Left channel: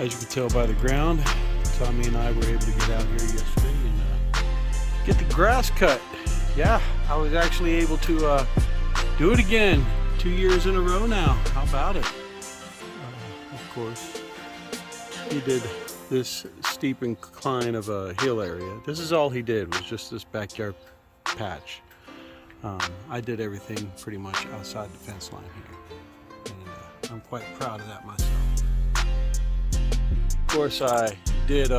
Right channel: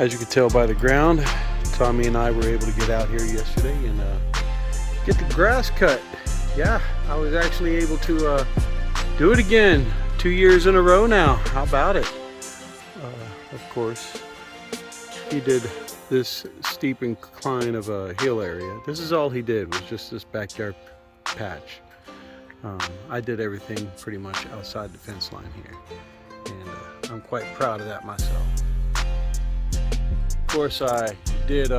As you can tell by the ground, Tommy and I were able to get out here yesterday and get the grass cut. Yeah, I was actually able to do it again 2 years in a row now. How about it? Of course, he did this steep incline of a hill area. This is all he did, was just this backyard patch. I did everything pretty much outside the fence line here, and I'm quite proud of that myself. Of course, I did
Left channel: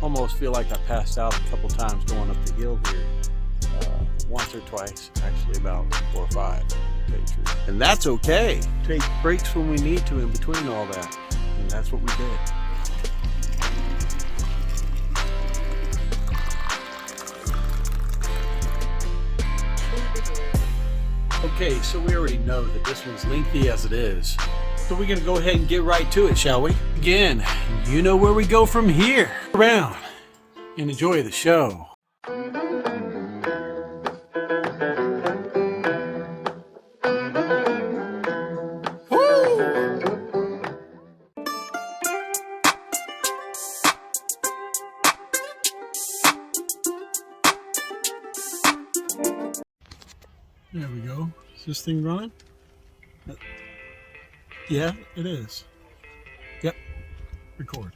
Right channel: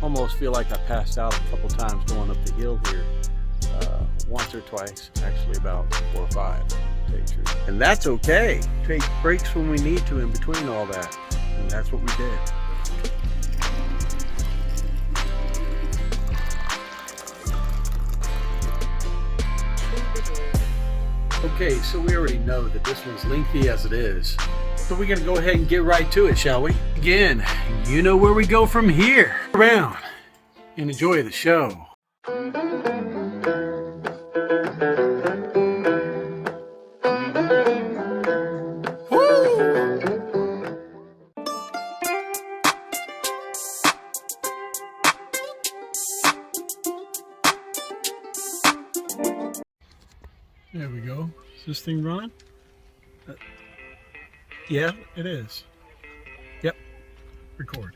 almost feel like I passed out a couple times going up the hill here. Once or twice, actually about 4 or 5. And that's okay. Take breaks when we need to in between all that. And that's what we did. Okay, so we already know that this one's lengthy as it is. So we're gonna go ahead and get right to it, shall we? Again, you know where we go from here. Around and enjoy the show. There we go. Is this thing running? Yeah, it is. Yep. Record.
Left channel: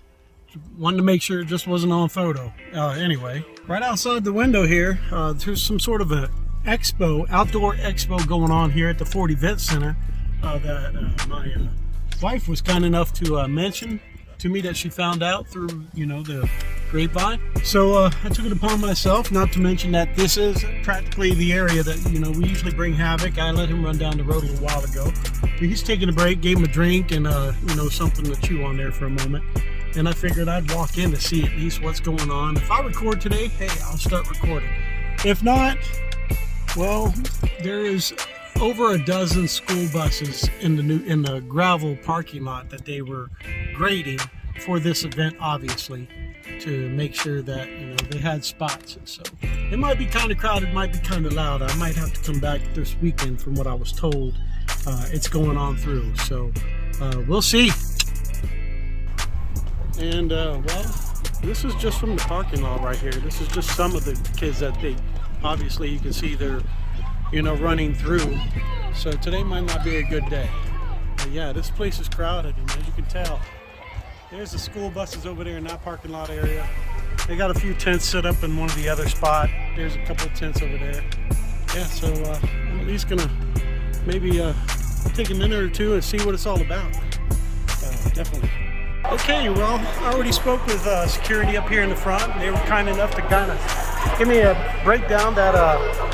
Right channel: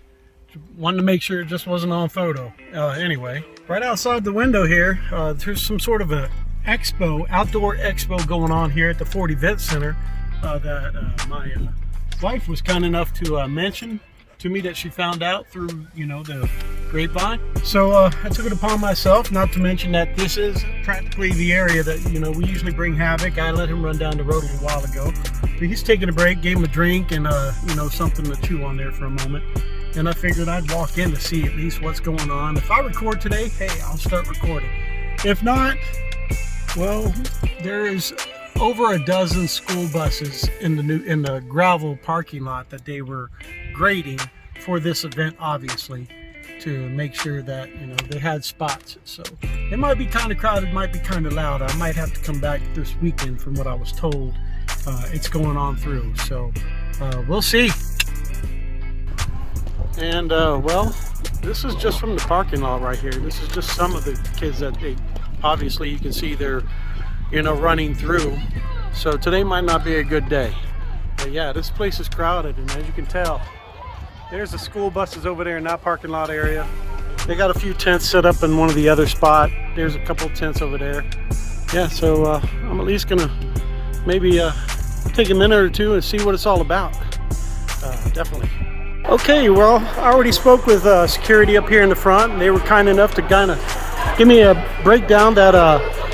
Wanted to make sure it just wasn't on photo. Anyway, right outside the window here, there's some sort of an expo, outdoor expo going on here at the Ford Event Center that my wife was kind enough to mention to me that she found out through, the grapevine. So I took it upon myself, not to mention that this is practically the area that, we usually bring Havoc. I let him run down the road a little while ago. But he's taking a break, gave him a drink and, something to chew on there for a moment. And I figured I'd walk in to see at least what's going on. If I record today, hey, I'll start recording. If not, well, there is over a dozen school buses in the gravel parking lot that they were grading for this event, obviously, to make sure that they had spots. So it might be kind of crowded, might be kind of loud. I might have to come back this weekend from what I was told. It's going on through, so we'll see. And well, this is just from the parking lot right here. This is just some of the kids that they obviously, you can see they're running through. So today might not be a good day. But yeah, this place is crowded, and as you can tell, there's the school buses over there in that parking lot area. They got a few tents set up in one of the other spot. There's a couple of tents over there. Yeah, so I'm at least gonna maybe take a minute or two and see what it's all about. Definitely. Okay, well, I already spoke with security up here in the front, and they were kind enough to kind of give me a breakdown that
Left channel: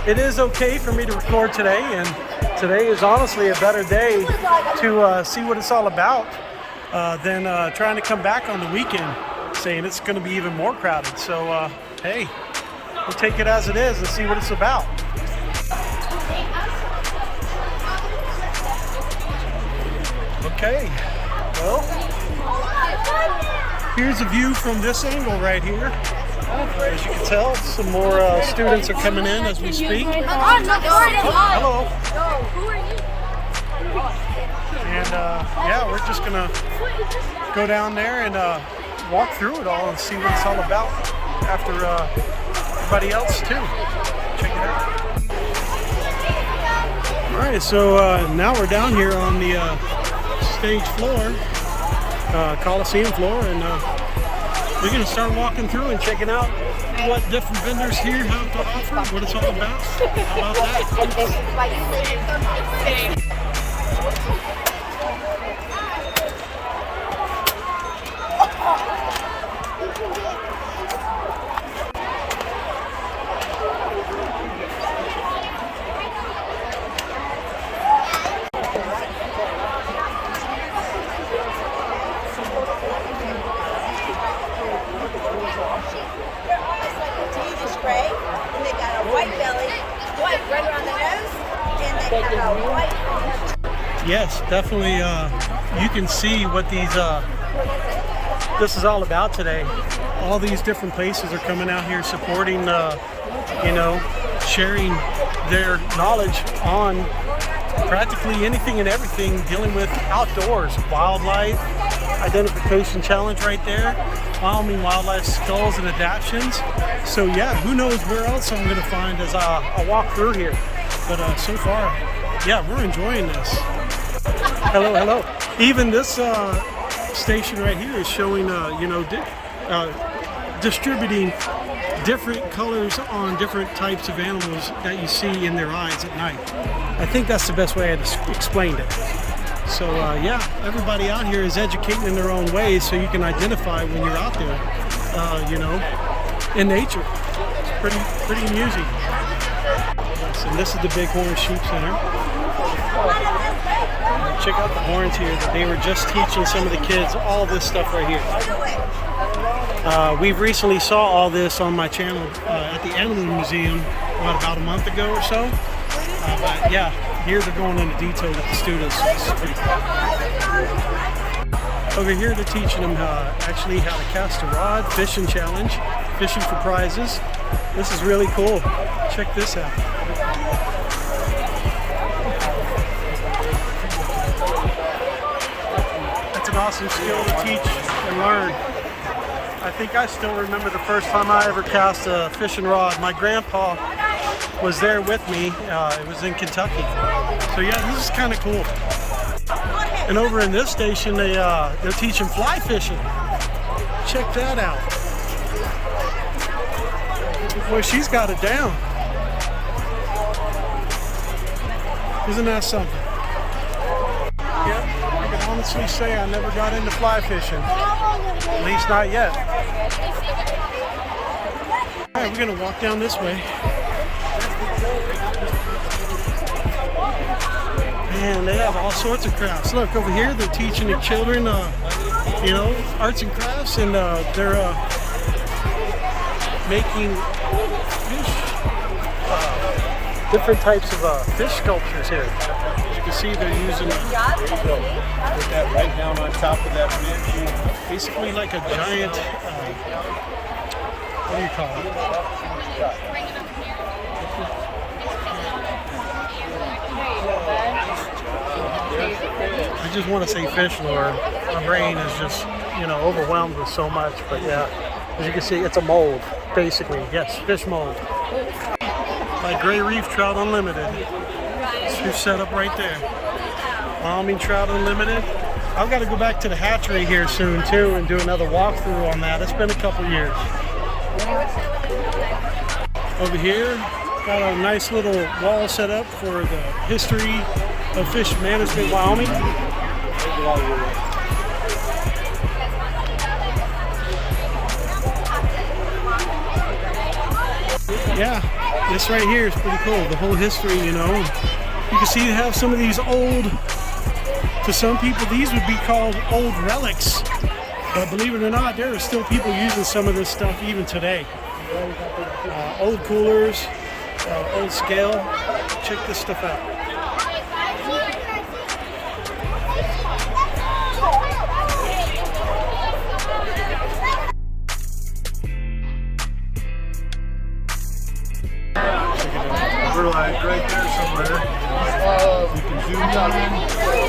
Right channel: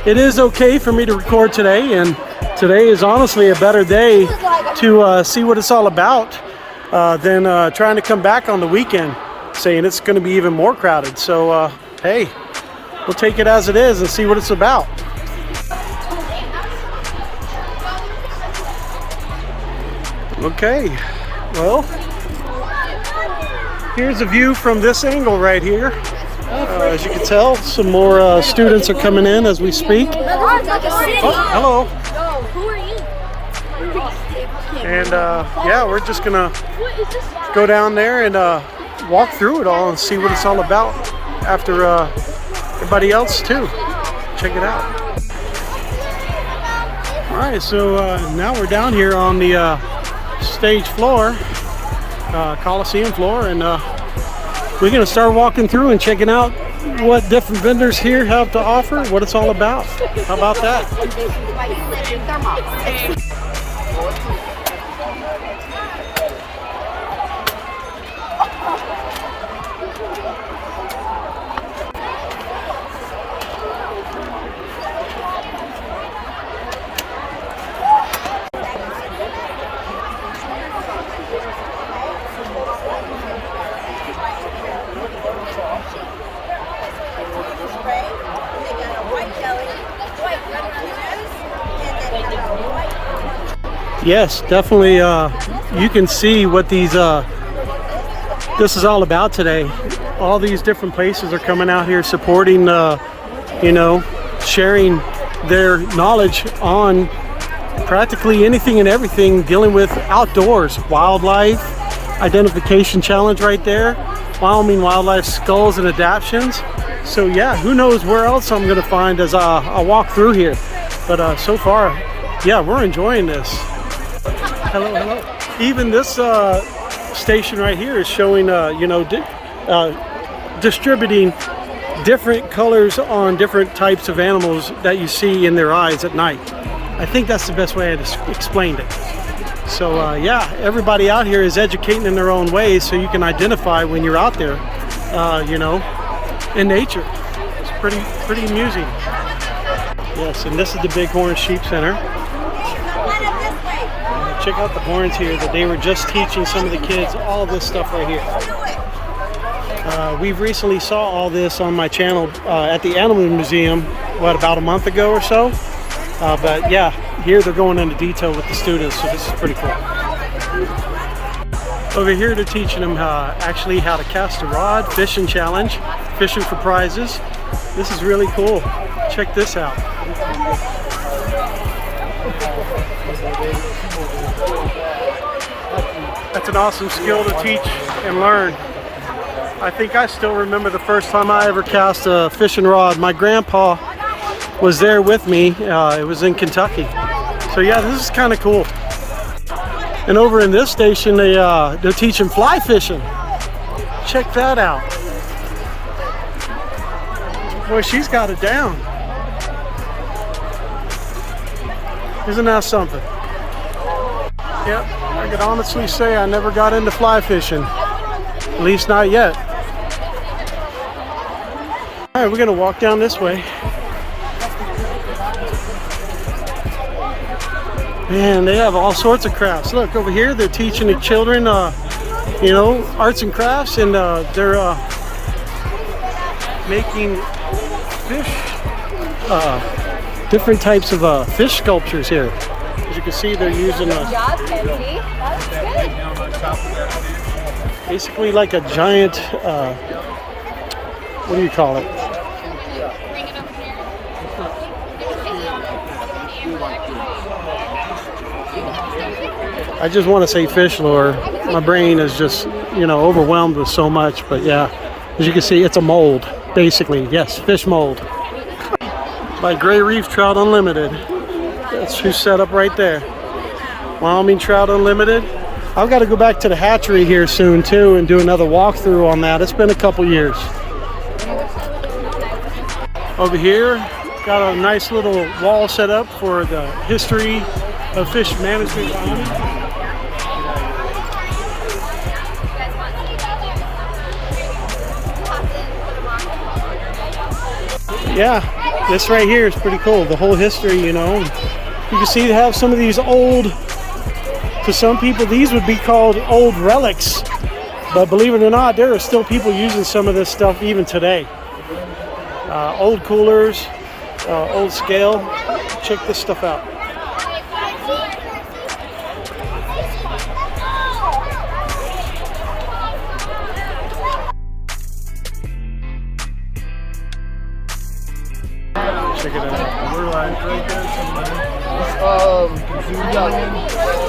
it is okay for me to record today, and today is honestly a better day to see what it's all about than trying to come back on the weekend saying it's going to be even more crowded. So hey, we'll take it as it is and see what it's about. Okay, well, here's a view from this angle right here. As you can tell, some more students are coming in as we speak. Oh, hello. And yeah, we're just gonna go down there and walk through it all and see what it's all about after everybody else too. Check it out. All right, so now we're down here on the stage floor, Coliseum floor, and we're gonna start walking through and checking out what different vendors here have to offer, what it's all about. How about that? And they got a white belly, white right around the nose, and they have a white front. Yes, definitely. You can see what these this is all about today. All these different places are coming out here supporting, sharing their knowledge on practically anything and everything dealing with outdoors, wildlife. identification challenge right there. Wyoming Wildlife Skulls and Adaptions. So yeah, who knows where else I'm gonna find as I walk through here. But so far, yeah, we're enjoying this. Hello, hello. Even this station right here is showing, you know, distributing different colors on different types of animals that you see in their eyes at night. I think that's the best way I explained it. So yeah, everybody out here is educating in their own ways so you can identify when you're out there, you know, in nature. It's pretty amusing. Yes, and this is the Bighorn Sheep Center. Check out the horns here that they were just teaching some of the kids all this stuff right here. We've recently saw all this on my channel at the Animal Museum, what, about a month ago or so? But yeah, here they're going into detail with the students, so this is pretty cool. Over here they're teaching them actually how to cast a rod, fishing challenge, fishing for prizes. This is really cool. Check this out. That's an awesome skill to teach and learn. I think I still remember the first time I ever cast a fishing rod. My grandpa was there with me. It was in Kentucky. So yeah, this is kind of cool. And over in this station, they're teaching fly fishing. Check that out. Boy, she's got it down. Isn't that something? Yep, I could honestly say I never got into fly fishing. At least not yet. All right, we're gonna walk down this way. And they have all sorts of crafts. Look, over here they're teaching the children, you know, arts and crafts, and they're making fish, different types of fish sculptures here. As you can see, they're using basically like a giant, what do you call it? I just want to say fish lure. My brain is just, you know, overwhelmed with so much. But yeah, as you can see, it's a mold, basically. Yes, fish mold. By Gray Reef Trout Unlimited. That's who's set up right there. Wyoming Trout Unlimited. I've got to go back to the hatchery here soon too and do another walkthrough on that. It's been a couple years. Over here, got a nice little wall set up for the history of fish management Wyoming. Yeah, this right here is pretty cool. The whole history, you know. You can see they have some of these old, to some people these would be called old relics. But believe it or not, there are still people using some of this stuff even today. Old coolers, old scale. Check this stuff out. Check it out. We're like right there somewhere. Oh, we can zoom in.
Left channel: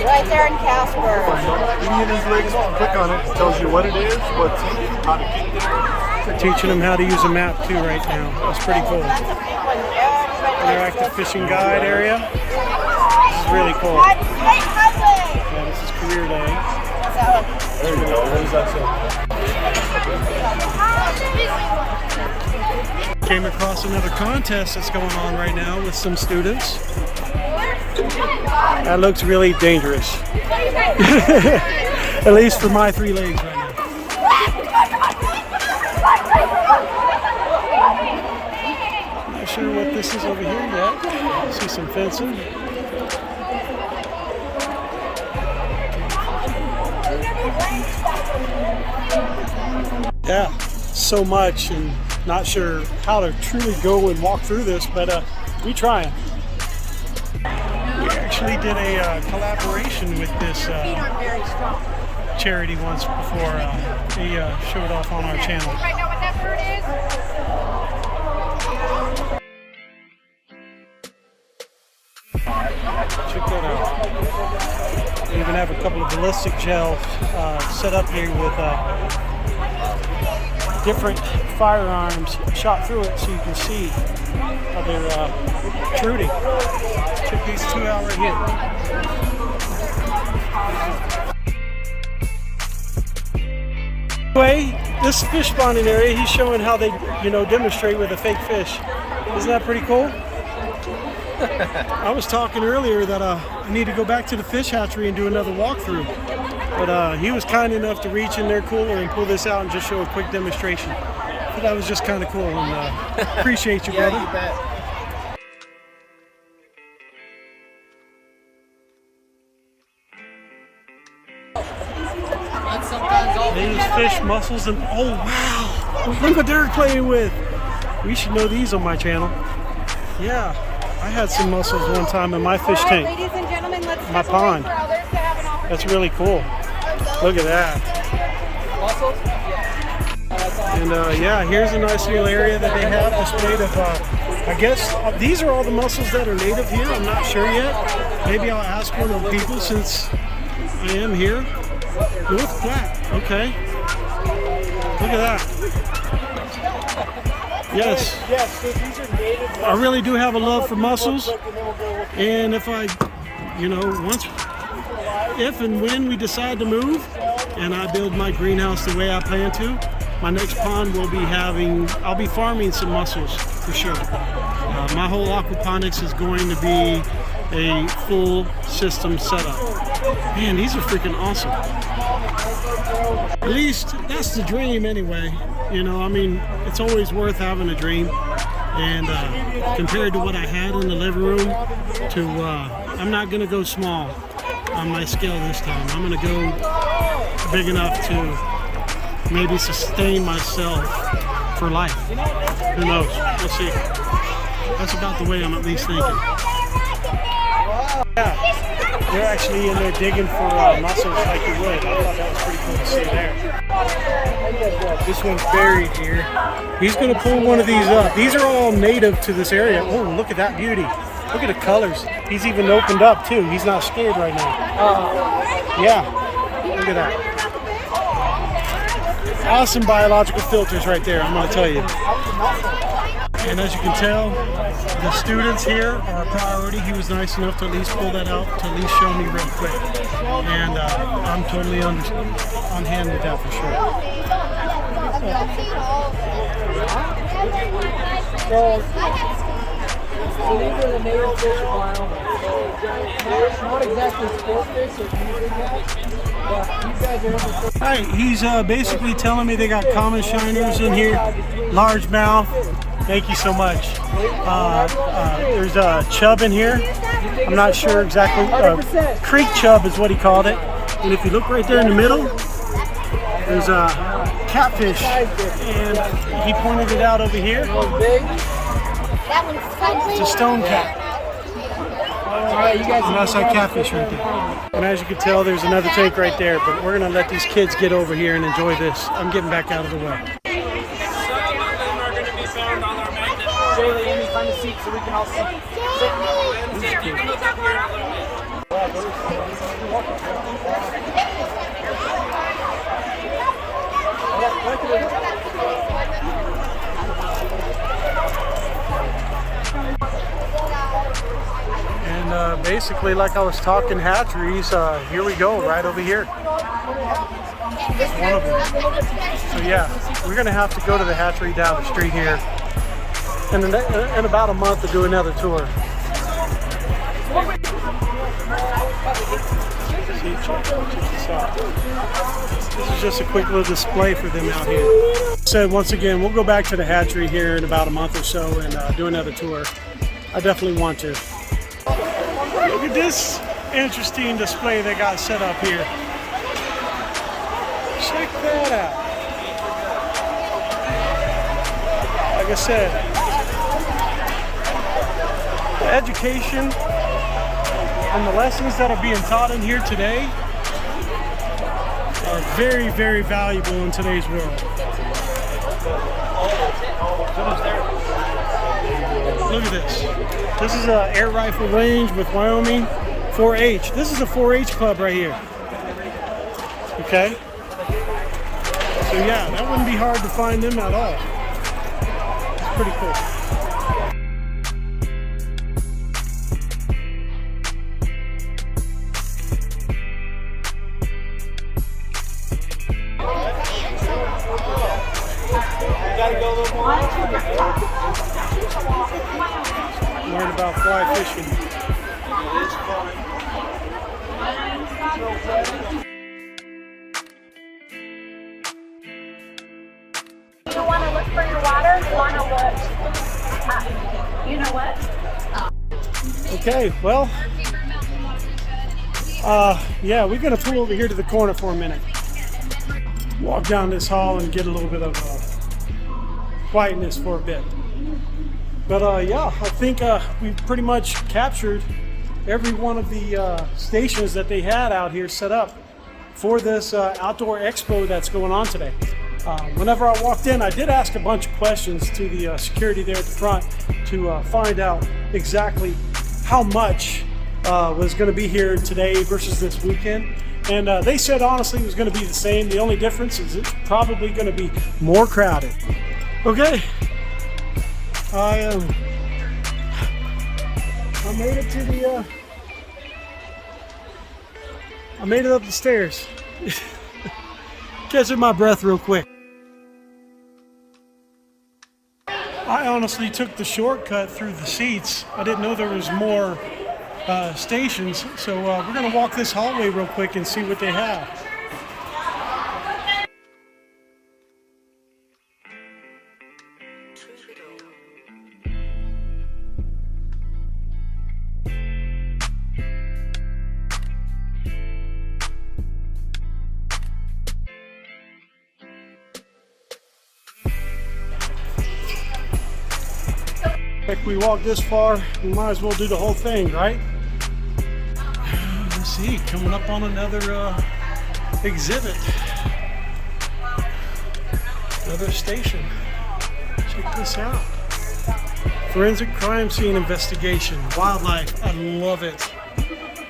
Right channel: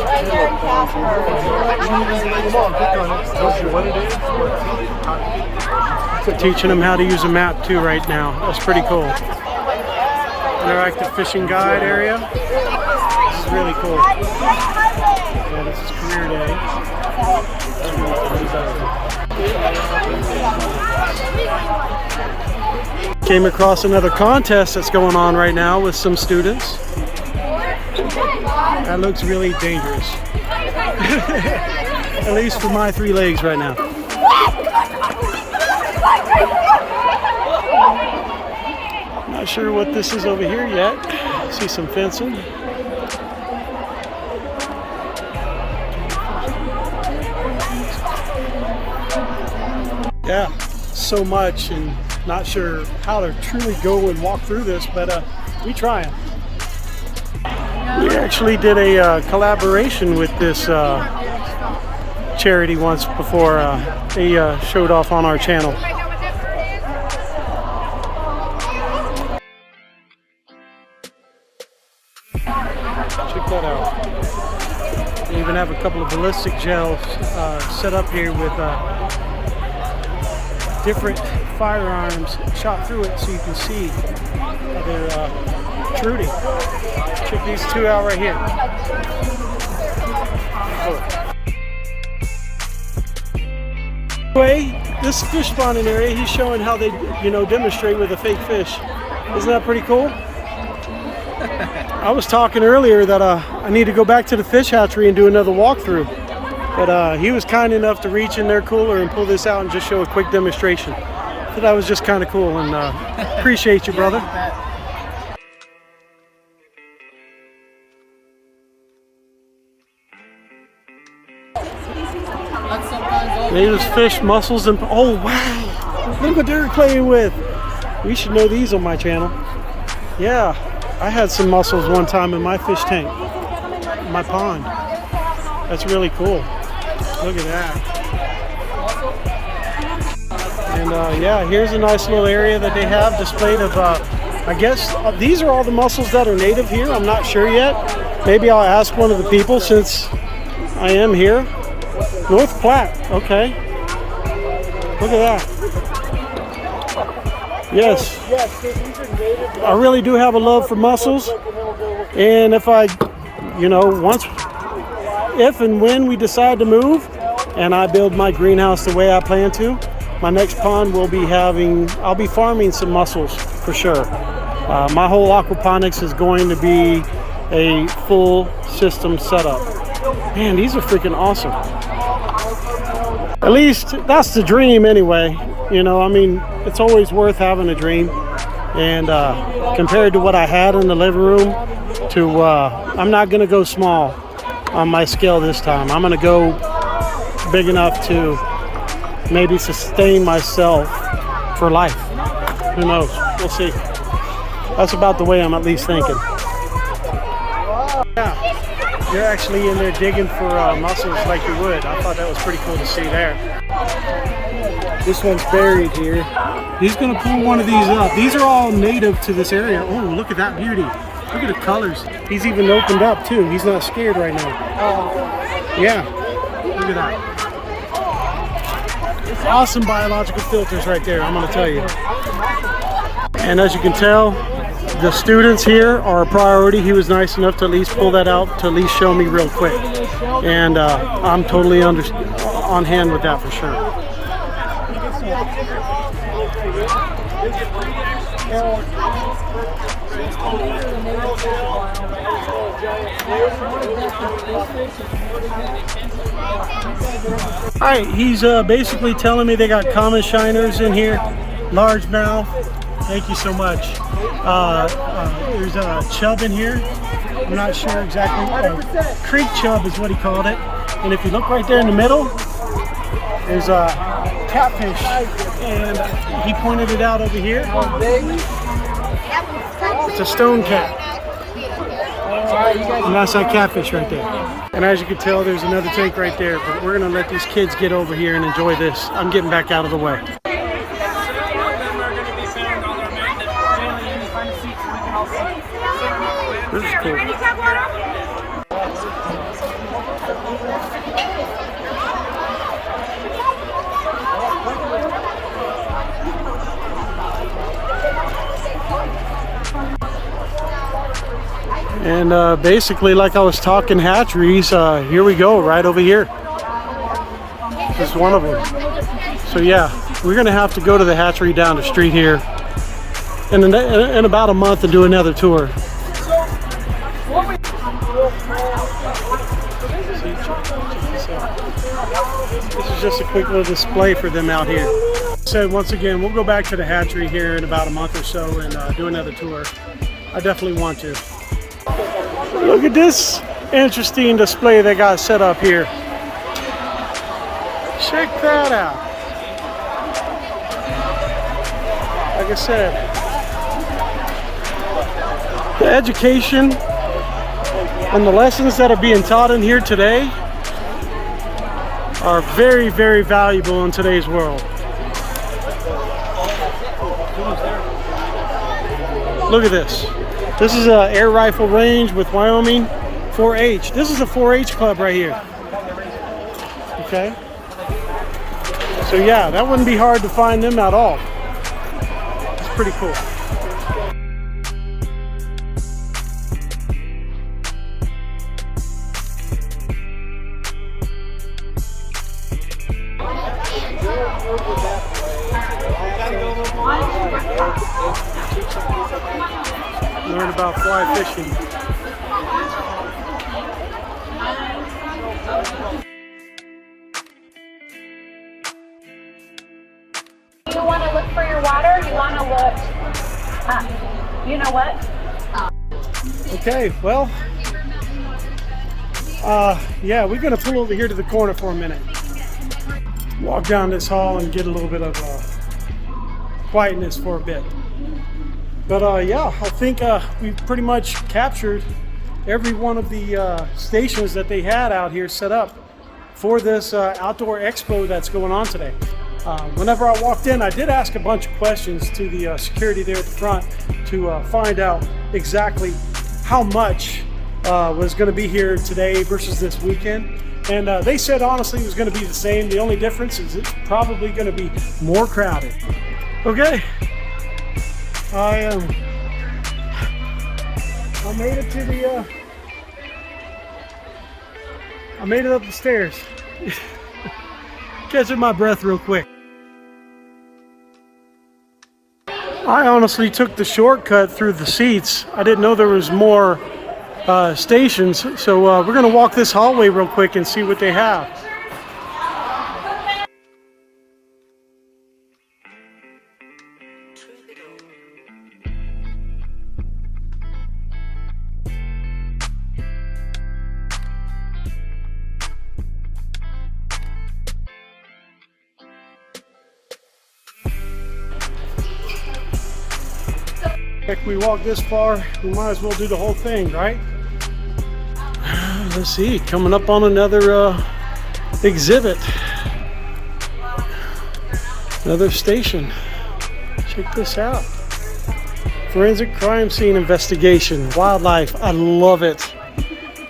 Right here in Casper. You can just lay them on, click on it. It tells you what it is, what's in it. Teaching them how to use a map too right now. That's pretty cool. Interactive fishing guide area. This is really cool. Yeah, this is career day. That's really cool. Came across another contest that's going on right now with some students. That looks really dangerous. At least for my 3 legs right now. Not sure what this is over here yet. See some fencing. Yeah, so much, and not sure how to truly go and walk through this, but we trying. We actually did a collaboration with this charity once before they showed off on our channel. Check that out. They even have a couple of ballistic gels set up here with different firearms shot through it so you can see how they're shooting. Check these two out right here. Cool. Anyway, this fish spawning area, he's showing how they, demonstrate with a fake fish. Isn't that pretty cool? I was talking earlier that I need to go back to the fish hatchery and do another walkthrough. But he was kind enough to reach in their cooler and pull this out and just show a quick demonstration. So that was just kind of cool, and appreciate you, brother. There's fish, mussels, and oh wow! Look what they're playing with. We should know these on my channel. Yeah, I had some mussels one time in my fish tank, my pond. That's really cool. Look at that. And yeah, here's a nice little area that they have displayed of, I guess these are all the mussels that are native here. I'm not sure yet. Maybe I'll ask one of the people since I am here. North Platte, okay. Look at that. Yes, I really do have a love for mussels. And if if and when we decide to move and I build my greenhouse the way I plan to, my next pond will be I'll be farming some mussels for sure. My whole aquaponics is going to be a full system setup. Man, these are freaking awesome. At least that's the dream anyway. I mean, it's always worth having a dream. And compared to what I had in the living room to, I'm not gonna go small on my scale this time. I'm gonna go big enough to maybe sustain myself for life. Who knows? We'll see. That's about the way I'm at least thinking. Yeah, they're actually in there digging for mussels like you would. I thought that was pretty cool to see there. This one's buried here. He's gonna pull one of these up. These are all native to this area. Oh, look at that beauty. Look at the colors. He's even opened up too. He's not scared right now. Yeah, look at that. Awesome biological filters right there, I'm gonna tell you. And as you can tell, the students here are a priority. He was nice enough to at least pull that out to at least show me real quick. And I'm totally on hand with that for sure. Alright, he's basically telling me they got common shiners in here, largemouth. Thank you so much. There's a chub in here. I'm not sure exactly. Creek chub is what he called it. And if you look right there in the middle, there's a catfish. And he pointed it out over here. It's a stone cat. And that's that catfish right there. And as you can tell, there's another tank right there. But we're going to let these kids get over here and enjoy this. I'm getting back out of the way. Some of them are going to be found on our main network. Jaylee, Amy, find a seat so we can all see. This is cool. And basically, like I was talking hatcheries, here we go, right over here. It's one of them. So yeah, we're gonna have to go to the hatchery down the street here in about a month and do another tour. Check this out. This is just a quick little display for them out here. So once again, we'll go back to the hatchery here in about a month or so and do another tour. I definitely want to. Look at this interesting display they got set up here. Check that out. Like I said, the education and the lessons that are being taught in here today are very, very valuable in today's world. Look at this. This is an air rifle range with Wyoming 4-H. This is a 4-H club right here. Okay. So yeah, that wouldn't be hard to find them at all. It's pretty cool. Learn about fly fishing. You want to look for your water? You want to look? You know what? Okay, well, yeah, we're gonna pull over here to the corner for a minute. Walk down this hall and get a little bit of quietness for a bit. But yeah, I think we've pretty much captured every one of the stations that they had out here set up for this outdoor expo that's going on today. Whenever I walked in, I did ask a bunch of questions to the security there at the front to find out exactly how much was going to be here today versus this weekend. And they said honestly it was going to be the same. The only difference is it's probably going to be more crowded. Okay. I made it to the I made it up the stairs. Catching my breath real quick. I honestly took the shortcut through the seats. I didn't know there was more stations, so we're gonna walk this hallway real quick and see what they have. If we walk this far, we might as well do the whole thing, right? Let's see, coming up on another exhibit. Another station. Check this out. Forensic crime scene investigation, wildlife. I love it.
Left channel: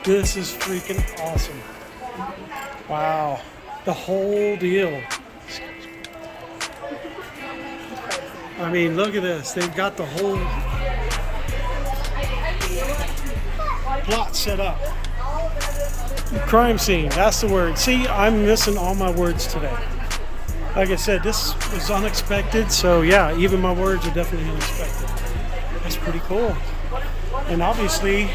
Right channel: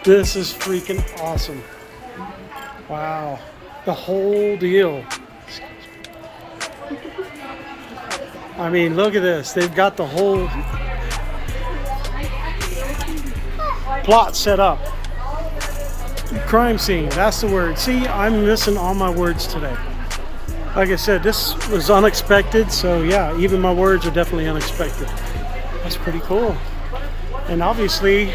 This is freaking awesome. Wow, the whole deal. I mean, look at this. They've got the whole plot set up. Crime scene, that's the word. See, I'm missing all my words today. Like I said, this was unexpected, so yeah, even my words are definitely unexpected. That's pretty cool. And obviously,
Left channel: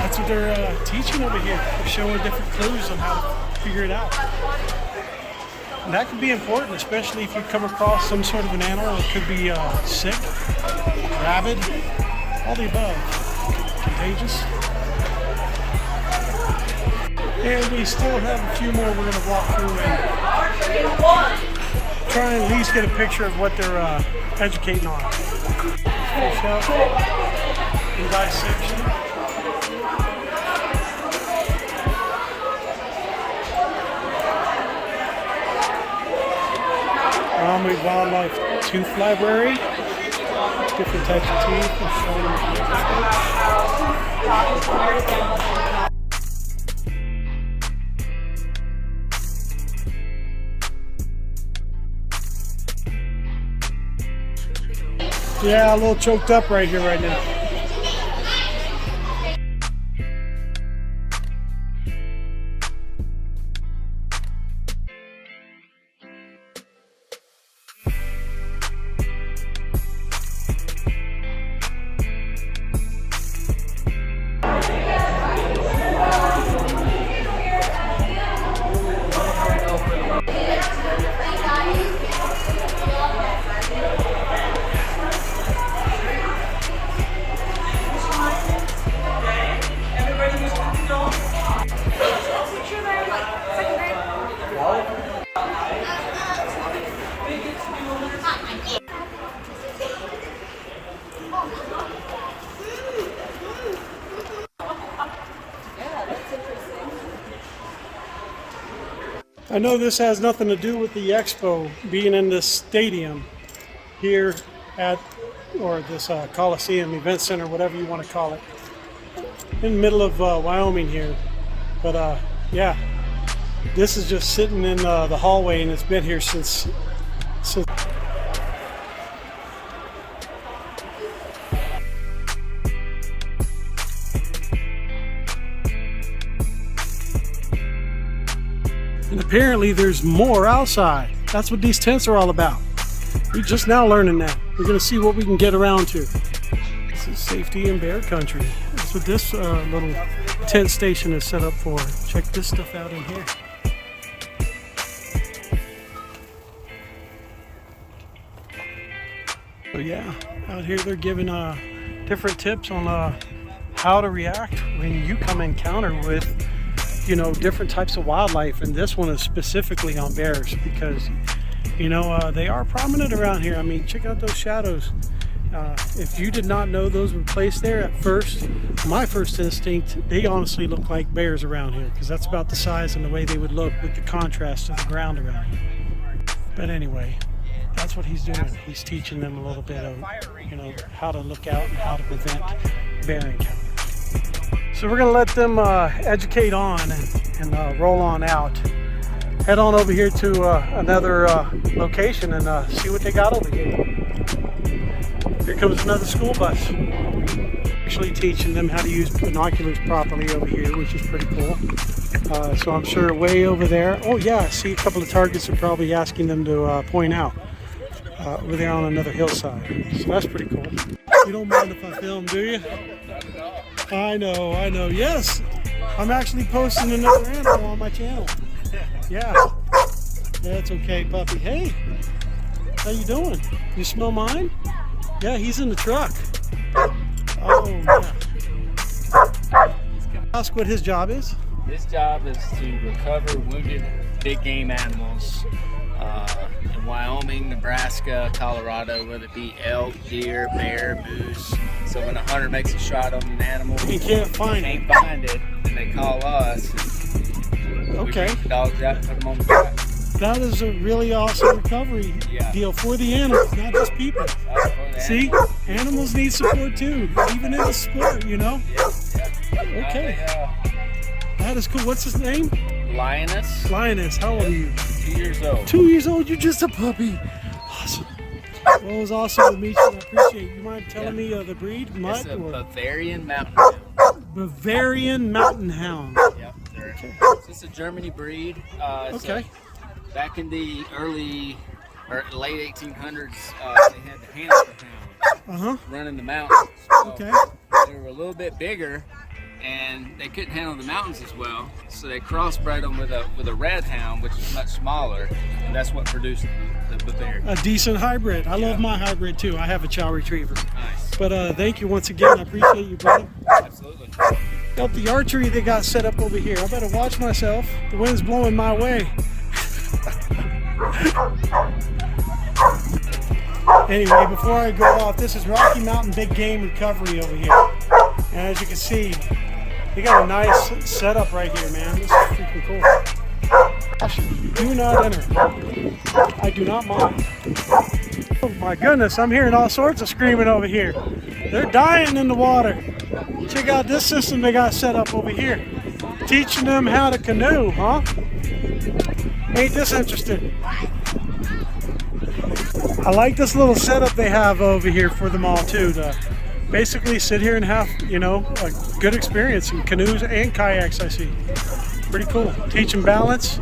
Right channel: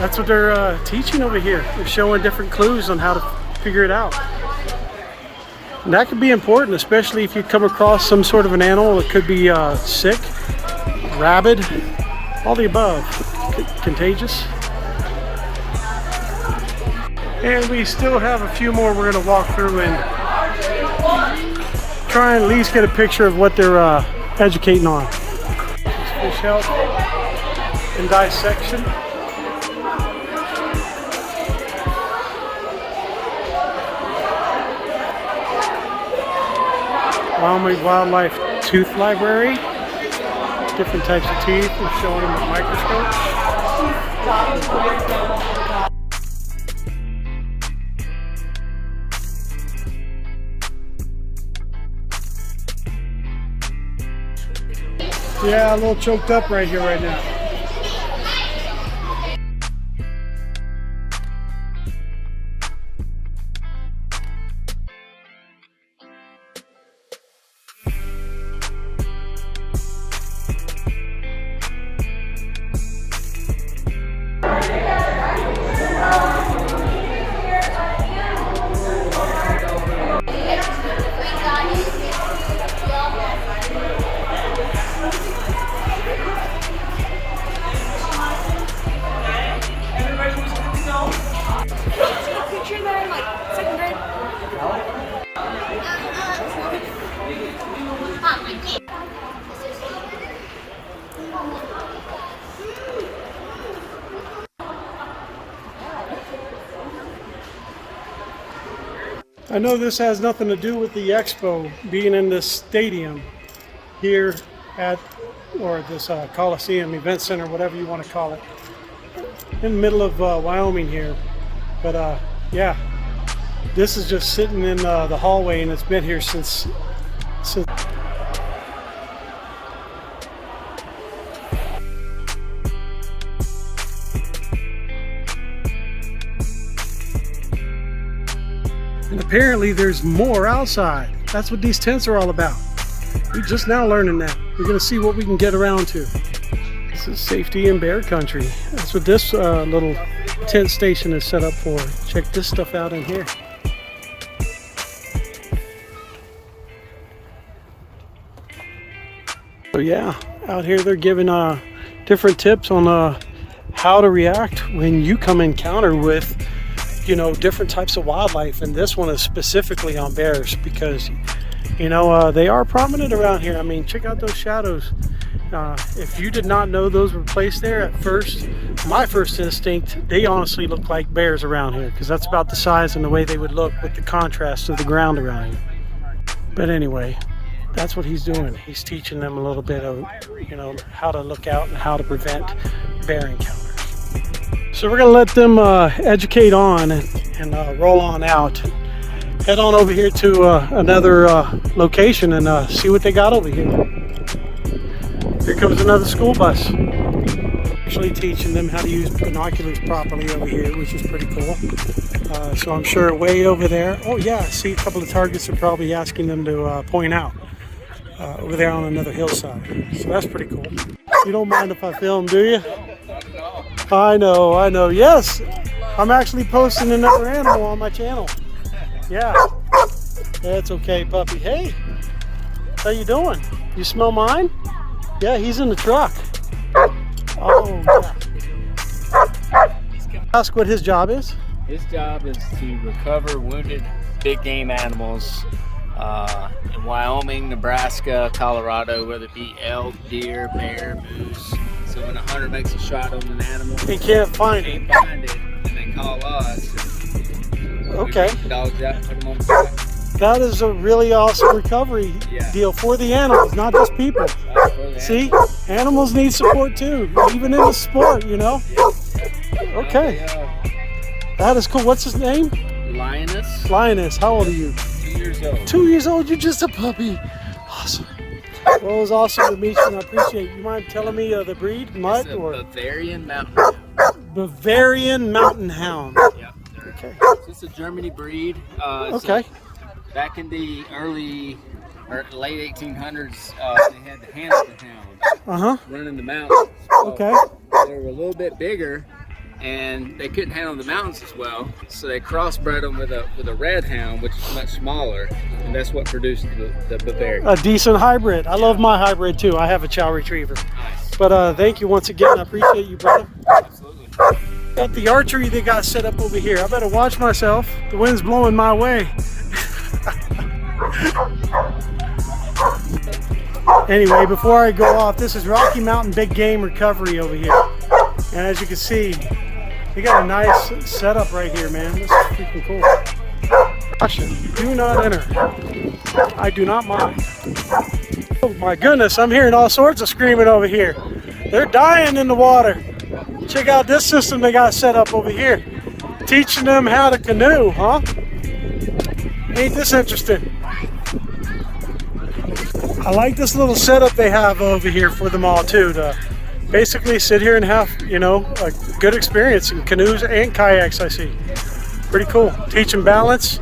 that's what they're teaching over here. They're showing different clues on how to figure it out. And that could be important, especially if you come across some sort of an animal that could be sick, rabid, all the above, contagious. And we still have a few more we're going to walk through and try and at least get a picture of what they're educating on. Fish health and dissection. Wyoming Wildlife Tooth Library. Different types of teeth. They're showing them with microscopes. Yeah, a little choked up right here right now. I know this has nothing to do with the expo being in this stadium here at, or this Coliseum Event Center, whatever you want to call it. in the middle of Wyoming here. But yeah, this is just sitting in the hallway, and it's been here since. And apparently there's more outside. That's what these tents are all about. We're just now learning that. We're going to see what we can get around to. This is safety in bear country. That's what this little tent station is set up for. Check this stuff out in here. So yeah, out here they're giving different tips on how to react when you come encounter with, you know, different types of wildlife, and this one is specifically on bears because, you know, they are prominent around here. I mean, check out those shadows. If you did not know those were placed there at first, my first instinct, they honestly look like bears around here because that's about the size and the way they would look with the contrast of the ground around here. But anyway, that's what he's doing. He's teaching them a little bit of, you know, how to look out and how to prevent bear encounters. So we're going to let them educate on and roll on out. Head on over here to another location and see what they got over here. Here comes another school bus. Actually teaching them how to use binoculars properly over here, which is pretty cool. So I'm sure way over there. Oh yeah, I see a couple of targets are probably asking them to point out over there on another hillside. So that's pretty cool. You don't mind if I film, do you? I know. Yes, I'm actually posting another animal on my channel. Yeah, that's okay, puppy. Hey, how you doing? You smell mine? Yeah, he's in the truck. Oh, yeah. Ask what his job is. His job is to recover wounded big game animals in Wyoming, Nebraska, Colorado, whether it be elk, deer, bear, moose. So when a hunter makes a shot on an animal and can't find it, and they call us. Okay. We dogs out and put them on the track. That is a really awesome recovery deal for the animals, not just people. See, animals need support too, even in the sport, you know. Okay. That is cool. What's his name? Lioness. Lioness. How old are you? 2 years old. 2 years old. You're just a puppy. Awesome. Well, it was awesome to meet you, and I appreciate it. You mind telling me the breed, Mike? It's a or Bavarian Mountain Hound. Bavarian Mountain Hound. Yep. Okay. It's a Germany breed. Okay. Back in the early or late 1800s, they had the hamster hound running the mountains. So Okay. They were a little bit bigger, and they couldn't handle the mountains as well, so they crossbred them with a red hound, which is much smaller, and that's what produced the Bavarian. A decent hybrid. I love my hybrid too. I have a chow retriever. Nice. But thank you once again. I appreciate you, brother. Absolutely. Got the archery they got set up over here. I better watch myself. The wind's blowing my way. Anyway, before I go off, this is Rocky Mountain Big Game Recovery over here. And as you can see, they got a nice setup right here, man. This is freaking cool. Caution, do not enter. I do not mind. Oh my goodness, I'm hearing all sorts of screaming over here. They're dying in the water. Check out this system they got set up over here. Teaching them how to canoe, huh? Ain't this interesting? I like this little setup they have over here for them all too, to basically sit here and have, you know, a good experience in canoes and kayaks. I see. Pretty cool. Teaching balance,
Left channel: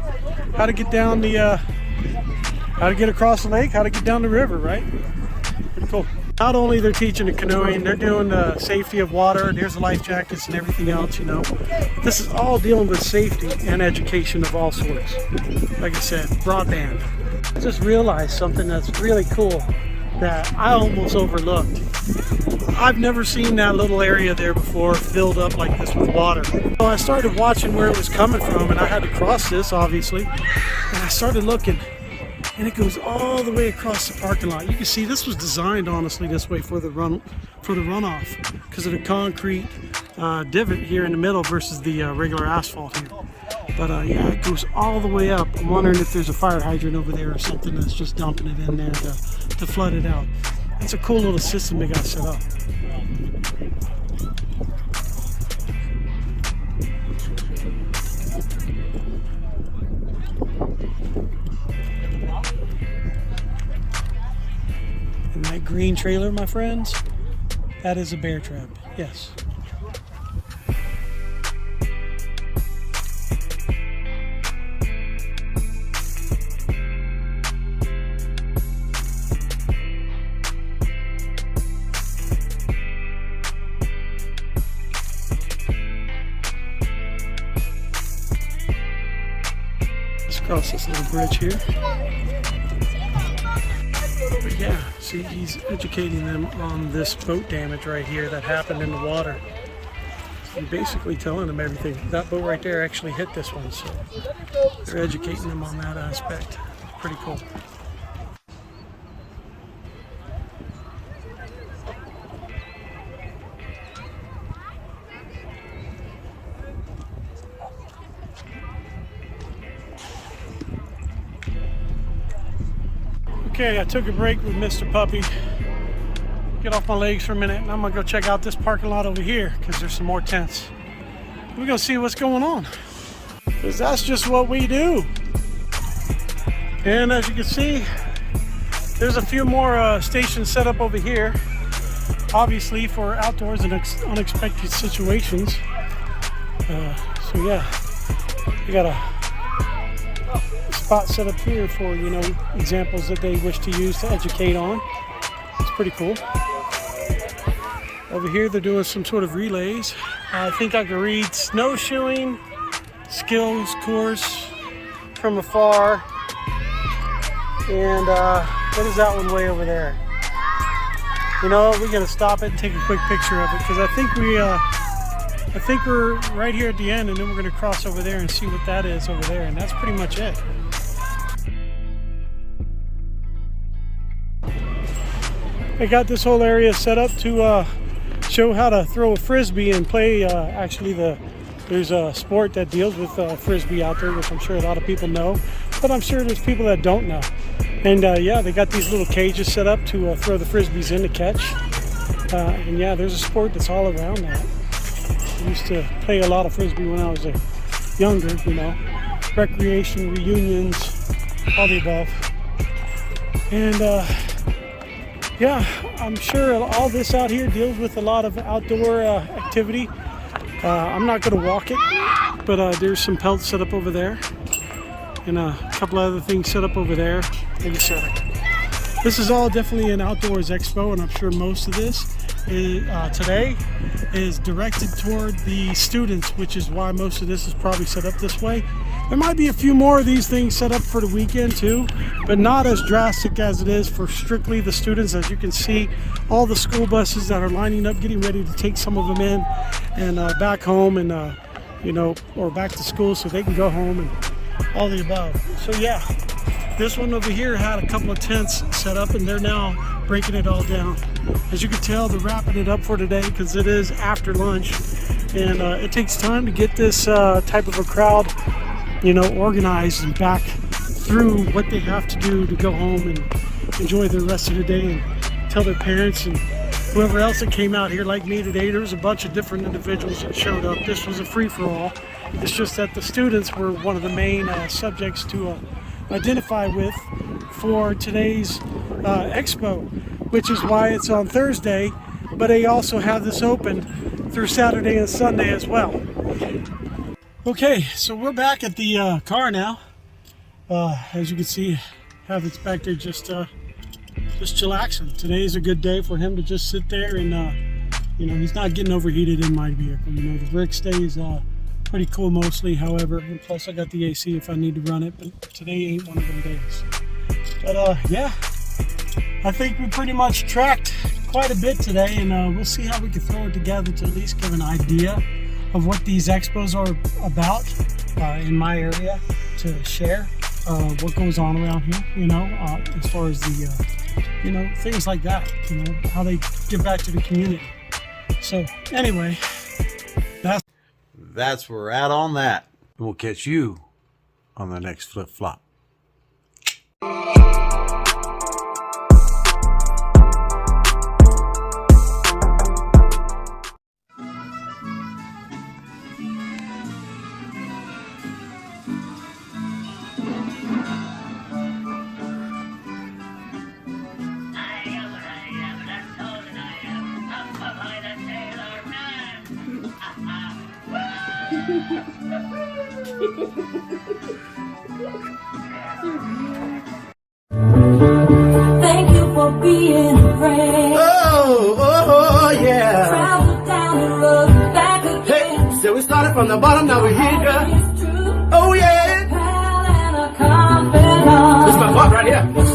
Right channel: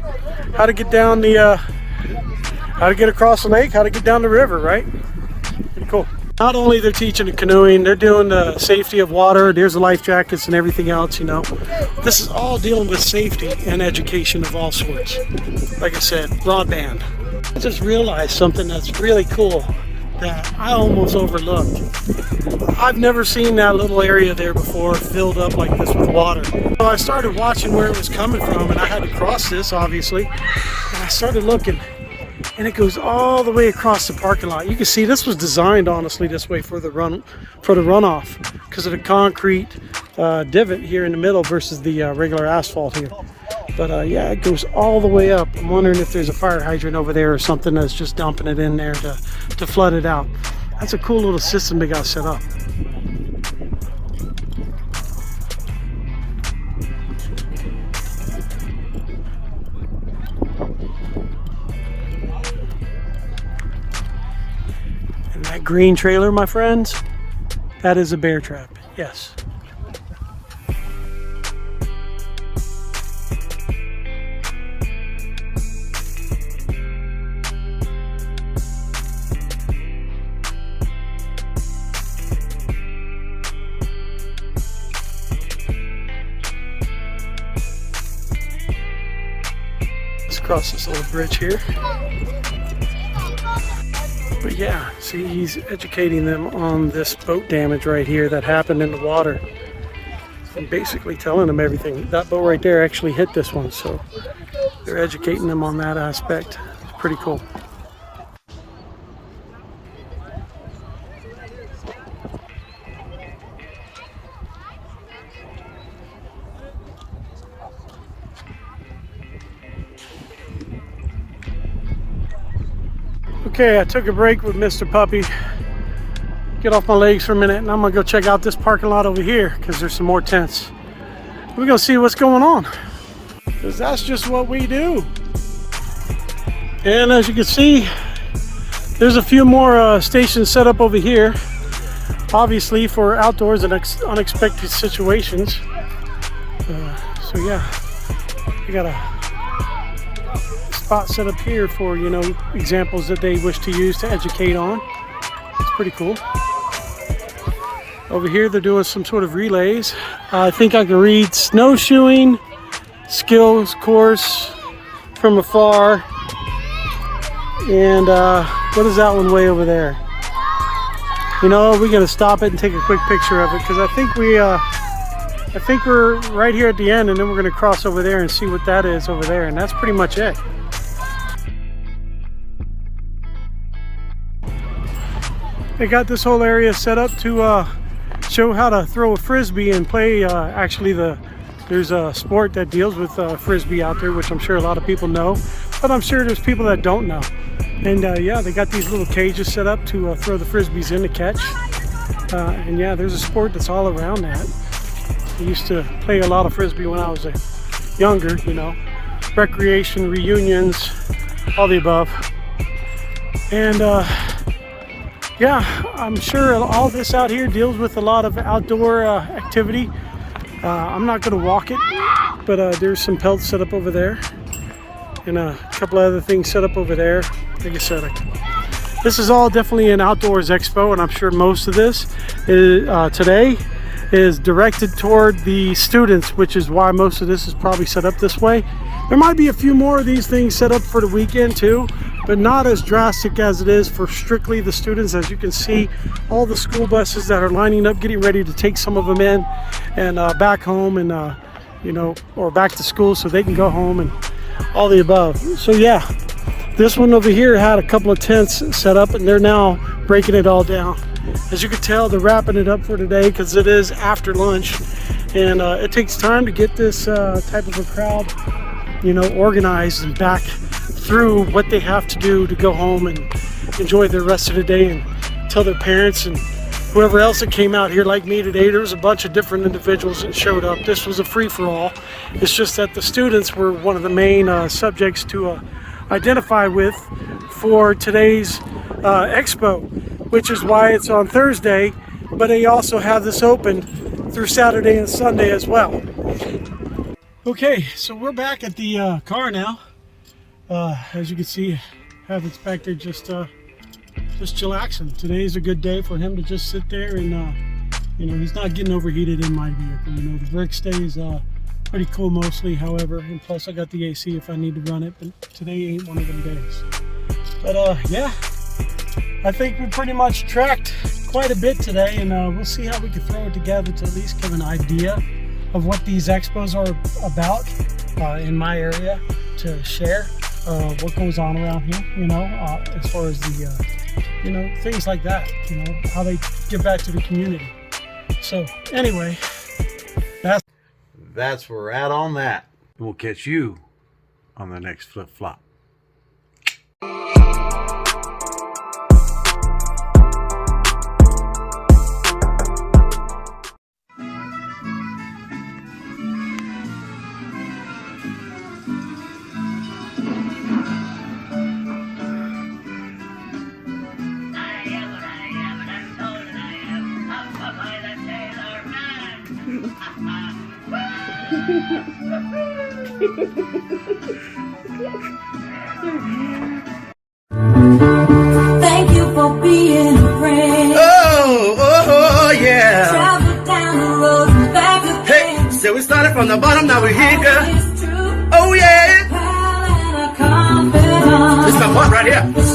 how to get down the, how to get across the lake, how to get down the river, right? Pretty cool. Not only they're teaching the canoeing, they're doing the safety of water. There's the life jackets and everything else, you know. This is all dealing with safety and education of all sorts. Like I said, broadband. I just realized something that's really cool that I almost overlooked. I've never seen that little area there before filled up like this with water. So I started watching where it was coming from, and I had to cross this, obviously. And I started looking, and it goes all the way across the parking lot. You can see this was designed, honestly, this way for the runoff because of the concrete divot here in the middle versus the regular asphalt here. But yeah, it goes all the way up. I'm wondering if there's a fire hydrant over there or something that's just dumping it in there to flood it out. That's a cool little system they got set up. And that green trailer, my friends, that is a bear trap, yes. Let's cross this little bridge here. But yeah, see, he's educating them on this boat damage right here that happened in the water. And basically telling them everything. That boat right there actually hit this one, so they're educating them on that aspect. It's pretty cool. Okay, I took a break with Mr. Puppy. Get off my legs for a minute, and I'm gonna go check out this parking lot over here because there's some more tents. We're gonna see what's going on, because that's just what we do. And as you can see, there's a few more stations set up over here, obviously for outdoors and unexpected situations. So yeah, we got a spot set up here for, you know, examples that they wish to use to educate on. It's pretty cool. Over here they're doing some sort of relays. I think I can read snowshoeing skills course from afar. And what is that one way over there? You know, we're gonna stop it and take a quick picture of it, because I think we're right here at the end, and then we're gonna cross over there and see what that is over there, and that's pretty much it. They got this whole area set up to show how to throw a frisbee and play. Actually, there's a sport that deals with frisbee out there, which I'm sure a lot of people know, but I'm sure there's people that don't know. And yeah, they got these little cages set up to throw the frisbees in to catch. And yeah, there's a sport that's all around that. I used to play a lot of frisbee when I was younger, you know, recreation, reunions, all the above. And yeah, I'm sure all this out here deals with a lot of outdoor activity. I'm not going to walk it, but there's some pelts set up over there, and a couple of other things set up over there. Like I said, this is all definitely an outdoors expo, and I'm sure most of this is, today is directed toward the students, which is why most of this is probably set up this way. There might be a few more of these things set up for the weekend too, but not as drastic as it is for strictly the students. As you can see, all the school buses that are lining up, getting ready to take some of them in and back home, and you know, or back to school so they can go home, and all the above. So yeah, this one over here had a couple of tents set up, and they're now breaking it all down. As you can tell, they're wrapping it up for today because it is after lunch, and it takes time to get this type of a crowd, you know, organized and back through what they have to do to go home and enjoy the rest of the day and tell their parents and whoever else that came out here like me today. There was a bunch of different individuals that showed up. This was a free-for-all. It's just that the students were one of the main subjects to identify with for today's expo, which is why it's on Thursday, but they also have this open through Saturday and Sunday as well. Okay, so we're back at the car now. As you can see, Havitt's back there just chillaxing. Today's a good day for him to just sit there and, you know, he's not getting overheated in my vehicle. You know, the brick stays pretty cool mostly, however, and plus I got the AC if I need to run it, but today ain't one of them days. But yeah, I think we pretty much tracked quite a bit today, and we'll see how we can throw it together to at least give an idea of what these expos are about in my area, to share what goes on around here, you know, as far as the, you know, things like that, you know, how they give back to the community. So anyway, that's where we're at on that. We'll catch you on the next Flip Flop. Thank you for being a friend. Oh, yeah. Travel down the road and back again. Hey, so we started from the bottom, now we're here, girl. It's true. Oh, yeah. Pal and a confidant. This is my part right here.